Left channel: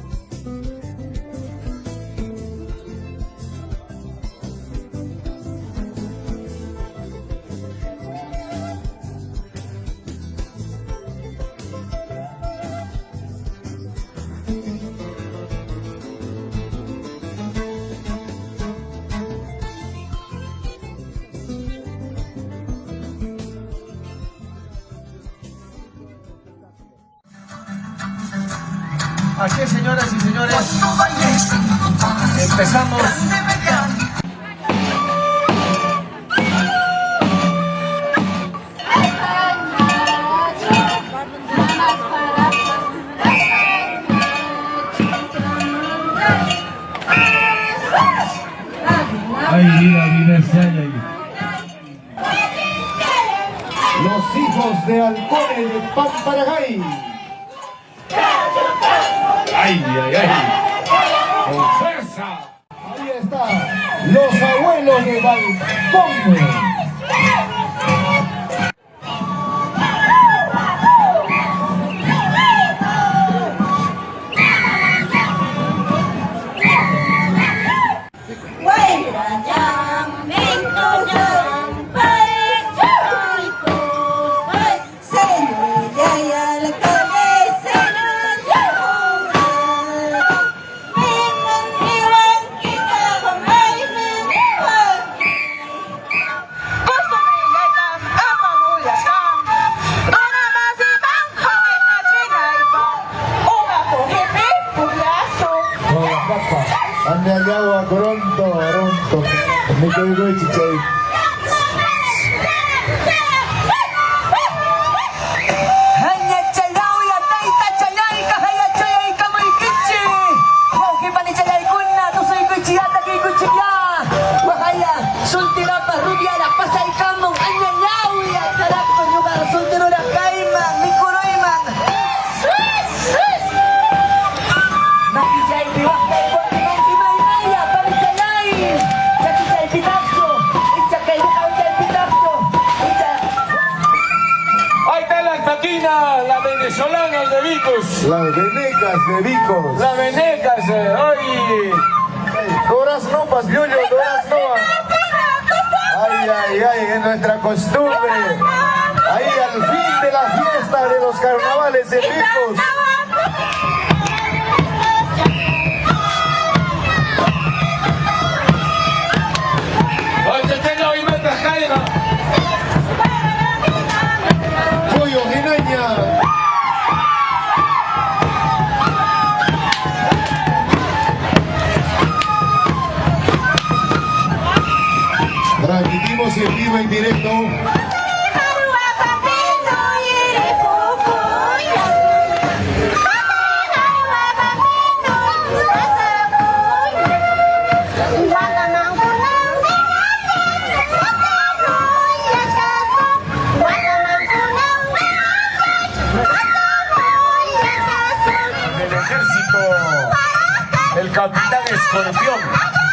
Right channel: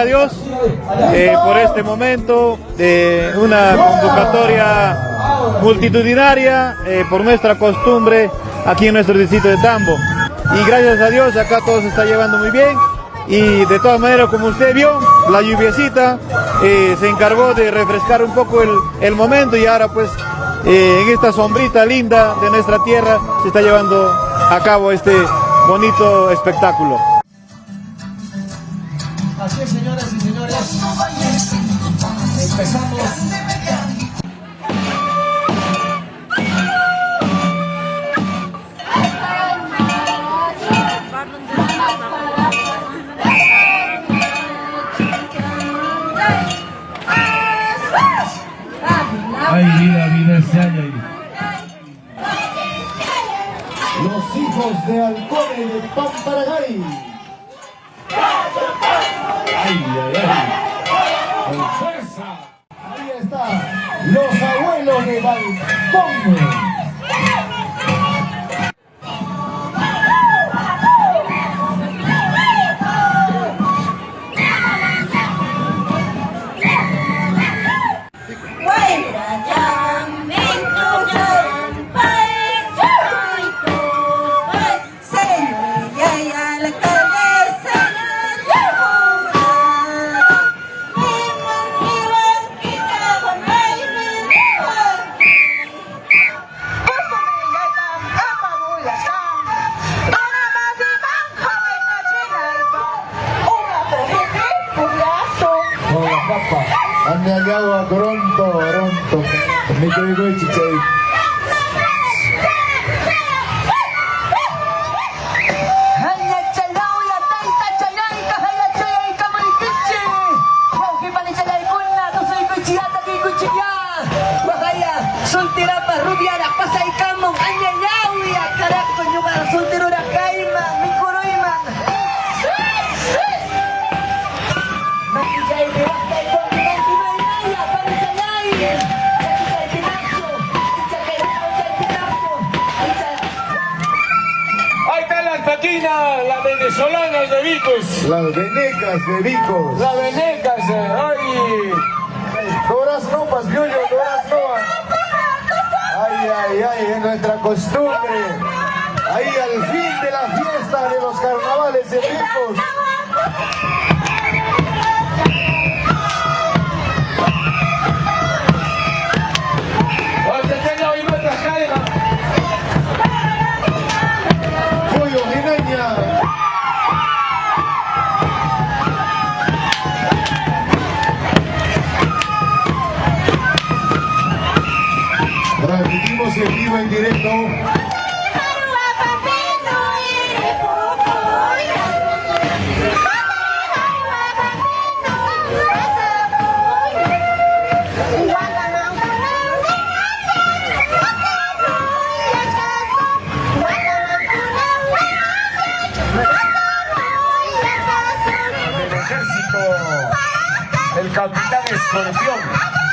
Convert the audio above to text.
a Dios por este momento de una convocatoria multitudinaria por nuestra costumbre aquí en nuestro distrito de Tambo. Y gracias a Dios acá todo se está llevando muy bien. Y de todas maneras, como usted vio, la lluviecita se encargó de refrescar un poco el momento, y ahora pues en esta sombrita linda de nuestra tierra se está llevando a cabo este bonito espectáculo. Así es, señoras y señores, empezamos. Ay, mira ese año ahí. Los hijos de Alcone de Pamparagay. Ay. Con fuerza. Ahí está. Los abuelos de Balcón. Ande agua Toronto, me digo chichay. La venezolana de Vicos. Las venecas de Vicos. La venecas, hoy. Todas ropas, yo, todas ropas. Ay, en nuestra costumbre. Ahí al fin de la fiesta de los carnavales de Vicos. Transmitimos en vivo, en directo. El ejército, el capitán Escorpión.